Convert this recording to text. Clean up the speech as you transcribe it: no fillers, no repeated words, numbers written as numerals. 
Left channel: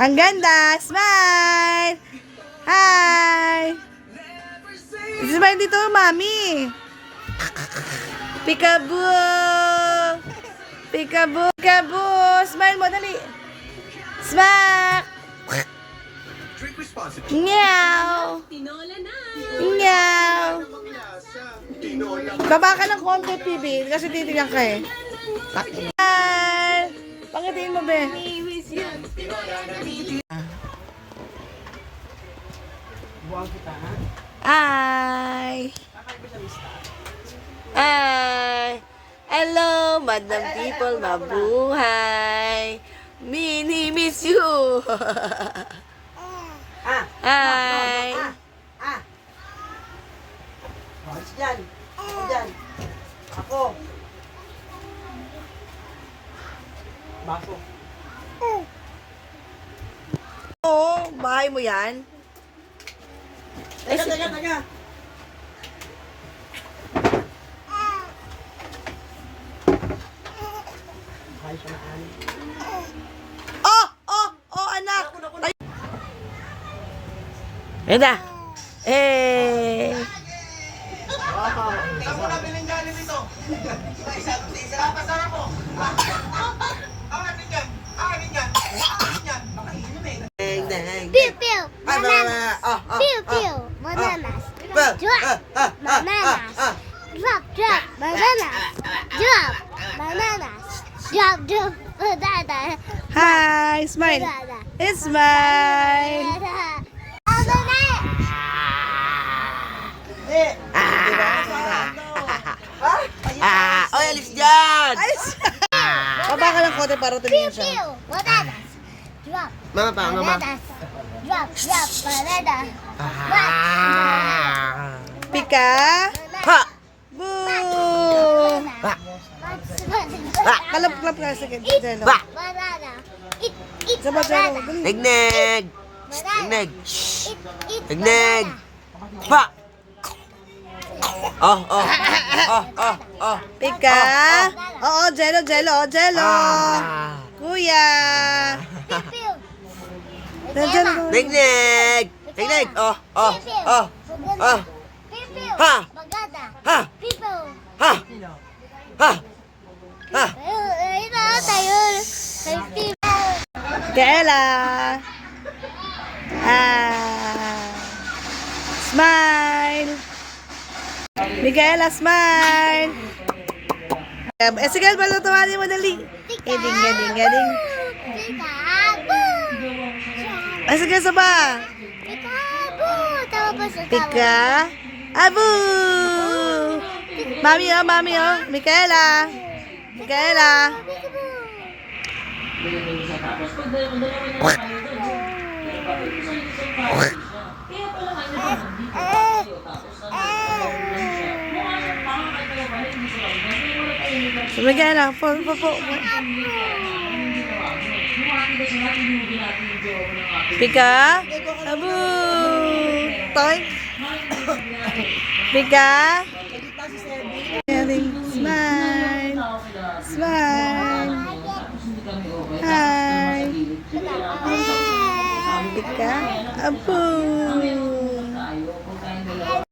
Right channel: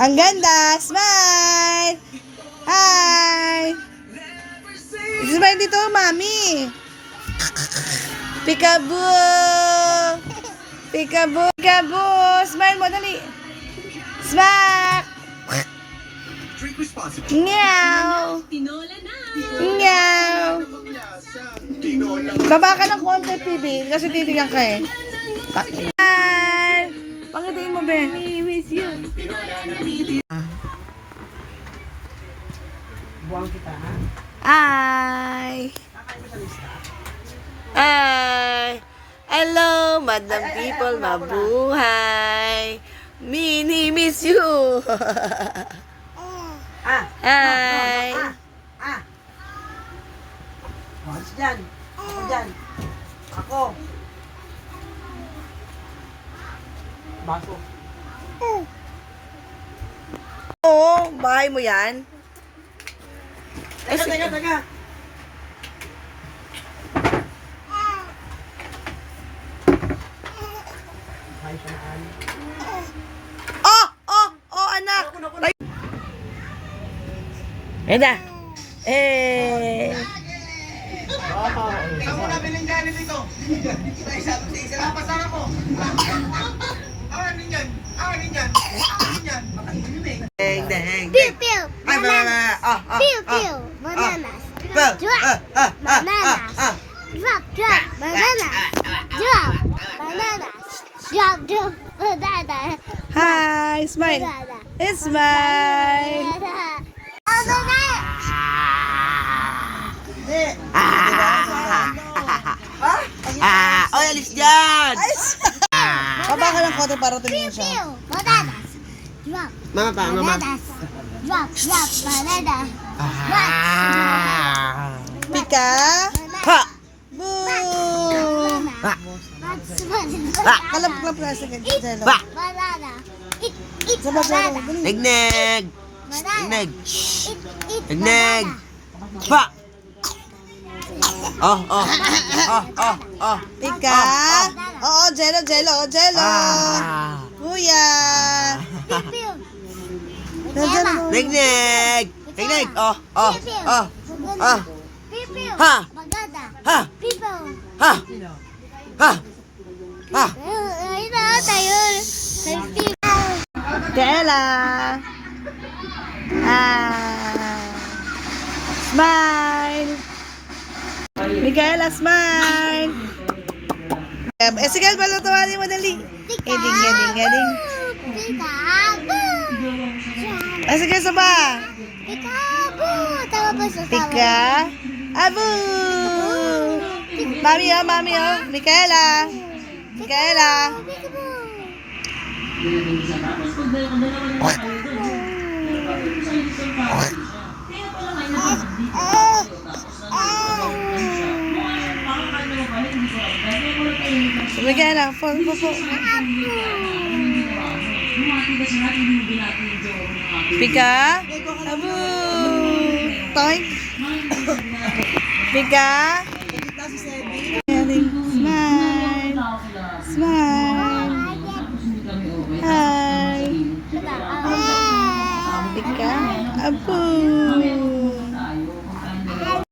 Ang ganda! Smile! Hi! Smile dito, mami! Peekaboo! Peekaboo! Peekaboo! Smile mo, dali! Smack! Meow! Meow! Baba ka ng konti, PB, kasi titignan ka eh. Hi! Pangitiin mo, be. Hi! Hi! Hello, madam people, mabuhay! Mini miss you! Hi! Alis dyan. Ako dyan. Ako. Baso. Oo, bahay mo yan? Taga. Oh, anak! Yan na! Eh! Pew pew bananas. Pew pew bananas. Drop bananas. Drop bananas. Drop bananas. Drop bananas. Hi! Smile! It's smile! Oy, alis dyan. Baba ka ng konti para tumingin siya. Pew bananas. Drop Mama pa, mama. bananas. Drop bananas. Pika! Ha! Boo! Kalap-kalap nga sa Jello. Ba! Banana. Eat Sabay, Jello. banana. Dali. Tignig! Banana. Tignig! Eat Tignig! banana. Pa! Oh. Pika! Oo, Jello. Kuya! Pew. Jello. Tignig! Tignig! Oh. Pew pew. Ha! Bagada. Ha! Pew. Ha! Ha! Ayun na tayo. Kela! Smile! Micaela, smile! Sige, balutawali mo dali. Galing. Peekaboo. Sige, saba. Peekaboo. Tawa pa sa tawa. Pika. Abu! Mami, Micaela. Peekaboo. Micaela, po. Pika. Abu! Time. Pika. Smile. Hi. Pika. Abu.